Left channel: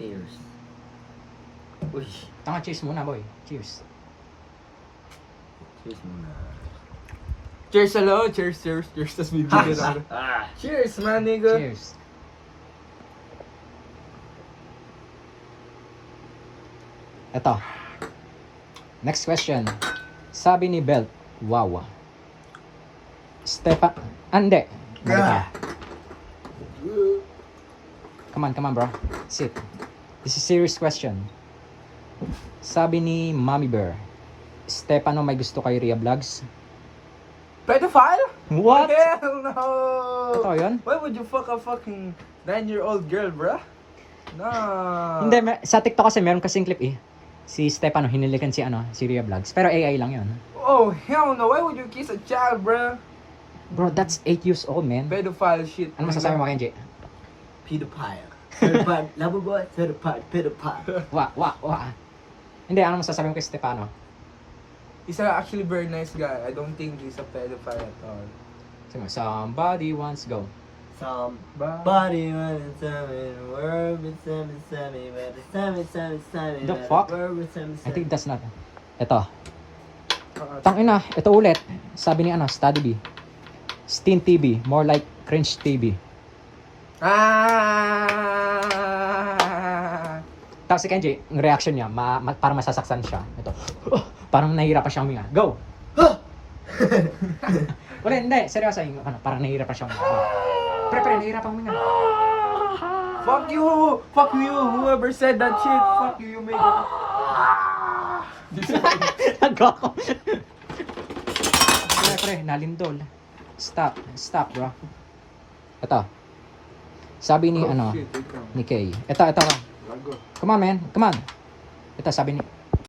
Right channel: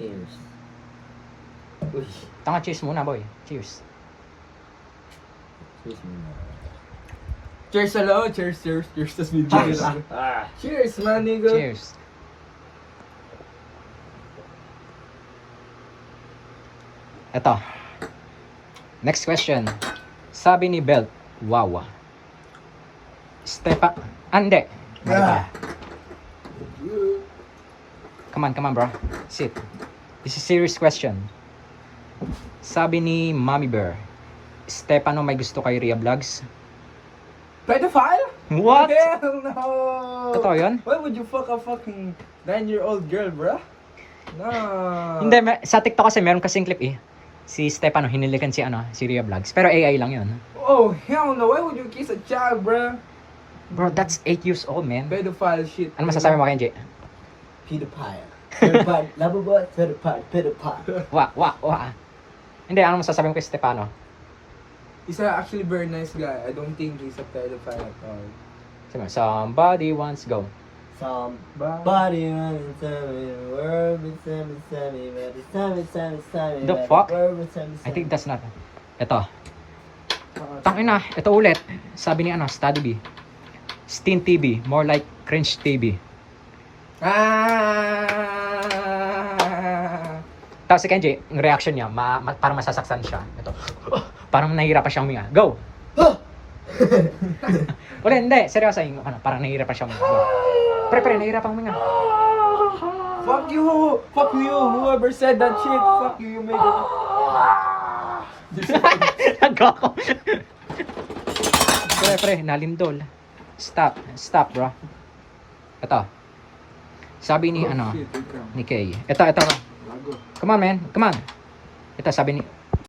Cheers. Uy. Tanga, cheers muna, boy. Cheers. Cheers muna. Cheers, hello. Cheers, cheers, cheers. Tas bibigyan na. Cheers, man, nigga. Cheers. Eto. Next question. Sabi ni Belt, wow. Ande. Come on, bro. Sit. This is a serious question. Sabi ni Mommy Bear, Stefano, may gusto kay Ria Vlogs? Pedophile? What? Hell no! Totoo yun? Why would you fuck a fucking 9-year-old girl, bruh? No. Hindi, sa TikTok kasi meron kasing clip eh. Si Stefano, hinilikan si Ria Vlogs. Pero AI lang yun. Oh, hell no. Why would you kiss a child, bruh? Bro, that's 8 years old, man. Pedophile shit. Ano masasabi mo, Kenji? Pedophile. Pedophile. Labo boy. Pedophile. Pedophile. Wa. Hindi, ano masasabi mo kay Stefano? He's actually very nice guy. I don't think he's a pedophile at all. Sabi mo, somebody wants go. Somebody wants to tell me the world is tell me, but it's tell me, The fuck? I think that's not. Ito. Tangina, ito ulit. Sabi ni Study B. Steen TV, more like cringe TV. Tapos si Kenji, ang reaction niya, parang masasaktan siya. Ito. Parang nahihirapan siyang huminga. Go! Wala, hindi. Seryoso, parang nahihirapan siyang huminga. Pre, nahihirapan huminga. Fuck you! Fuck you! Whoever said that shit, fuck you, you make it. Nagkako. Pre, nalindol. Stop, bro. Ito. Sabi ni, Shit, wait lang. ni Kay. Ito. Bago. Come on, man. Come on. Ito, sabi ni,